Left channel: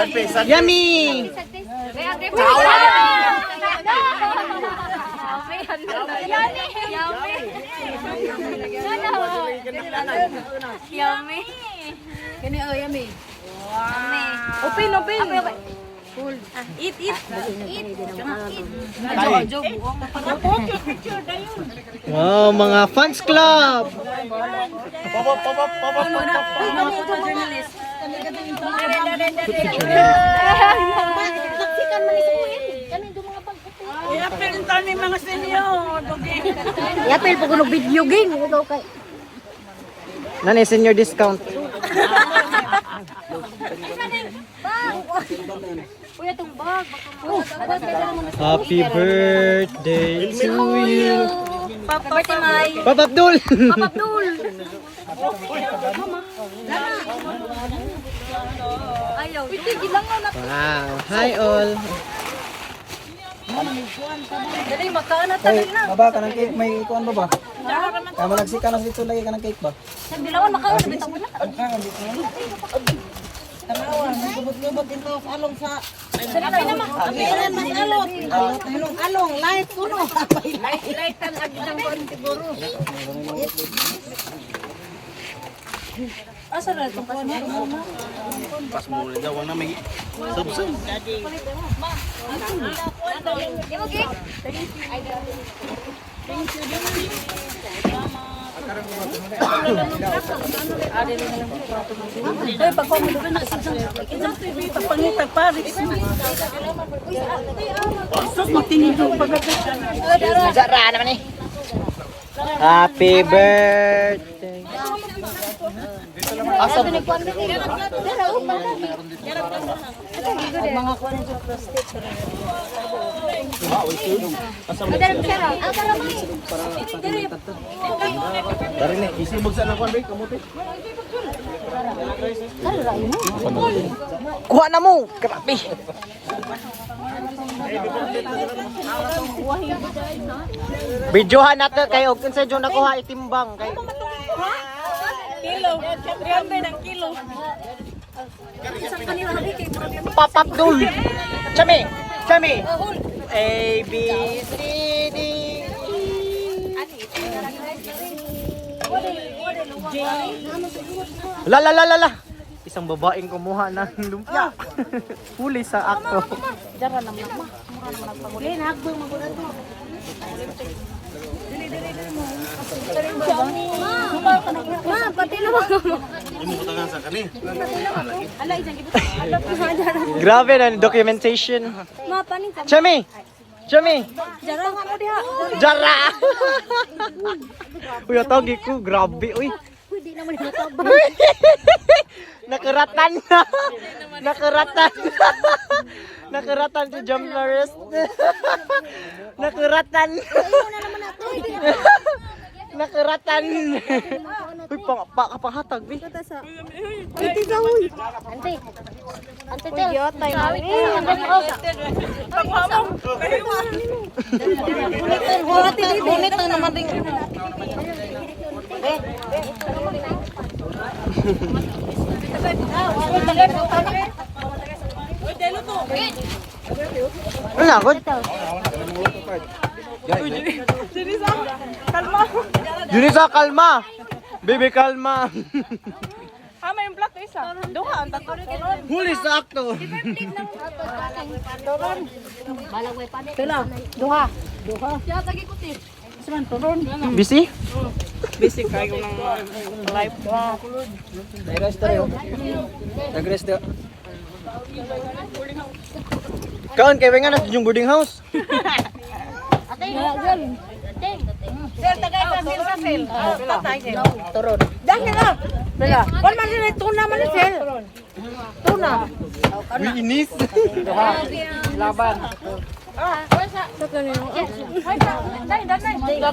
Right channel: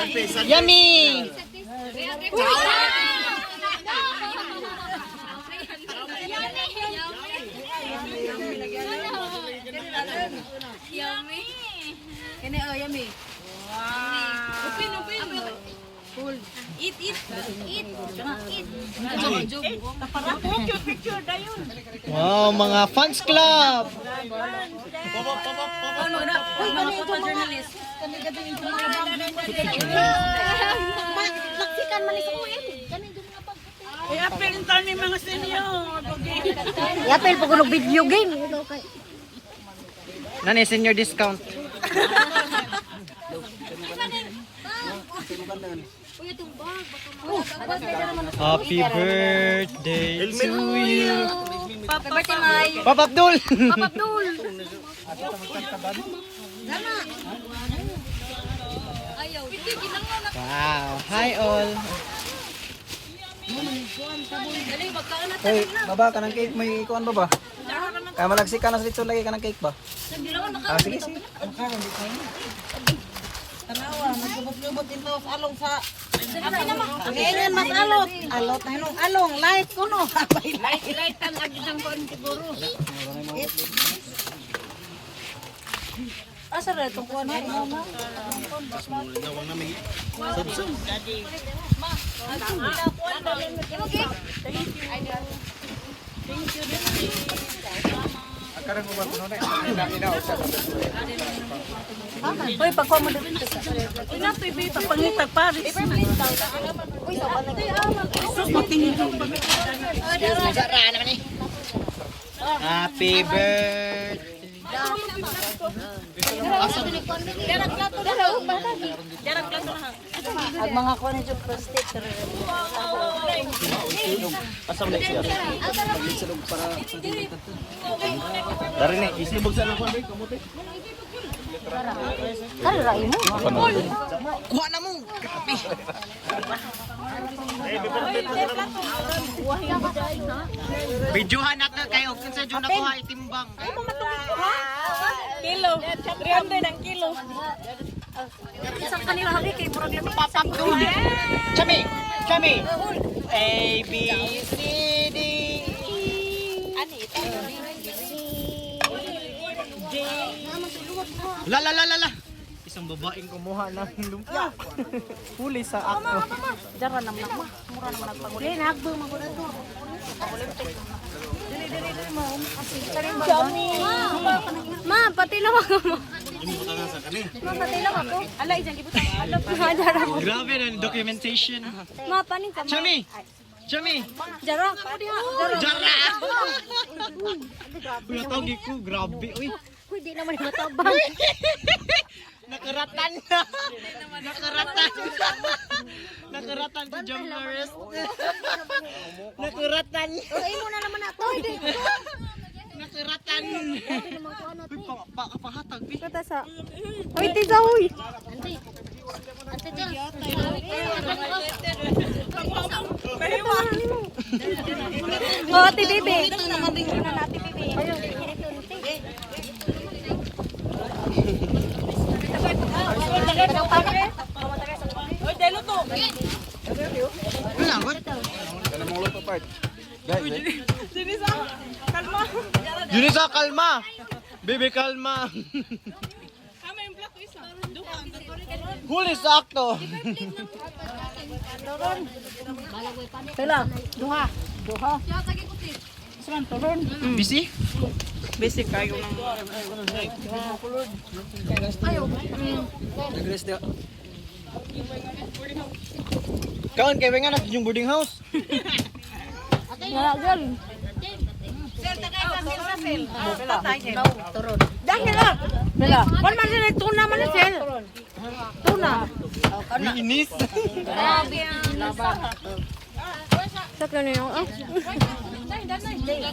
Yummy! Yummy. Kani oh yummy. Wow. Open. Full. Eat. Wow, mga fans club! Journalist. I-apel ni mga senior. Yapil po kuno video game. Nani, senior discount. Kuya tong bag. Happy birthday to you. Papa Timay. Papa Abdul! Papa Abdul. Ayaw. Piti gilangan na. Wow, hi all. Dali makaan na Hey, baba ka ng cake, may kuan ba ba? Kaya malagsika na dito lagi ka ng cake ba? Hindi naman makaan. Tanawa, nagubot-gubot dito along sa Agiran mas alot. alot na hinong along, light puno. Light-lightan agad ang kuwan siguro. Asa ra tong kuan? Hoy, pagkuha mo doon na. Ina pipi pangitag Paris. Sus matinidog pag Happy birthday. Ang mga kuan sa prostate. Dari ni, isibog sa kuan ba kamuti? Kuha na mo! Grabe! Videohan natin kayo kung sa dyan nakuha itimbang. kilo. 300 ang kilo. Isang kanila habi kay problem. Papa Abdul! Chami! A, B, C, D, La! Isang babaeng kumuha ng lumpia. Huli sa akto. Dara naman ma. Mura naman nagpanguli. Nagbang maguna to. Ma, pati na mo. Ala isang gibot. Grabe na documentation. Ma, paning ka. Chami! Dara ka mo diha. Jara! Uy, atawag ko. Grabe, uy. Uy, di naman matabang. Nakaratan si Jamlaris. Nakaratan. Ayaw na naman ato. Nakaratan. Uy, pahatag, bi. Kata sa. Piti sa huy. Ante. Ante tel. Yotay na. Oh, ati bibi. Ito naman rin. Ano ako? Junisa, kalma. Baby, kalma. May black isa. Duha ang tatlo. Huli sa akto. Pila. Duha. Busy? Basic kayo ng life. Nag-rest daw. Kaon, kaya nga na yung boarding house. Sir, tagay sa Sir. Patay siya. Turon. Dahil na. Pila. Wala man sila tuna man sir. Tuna. Inis. Laban. Tatlo na yung.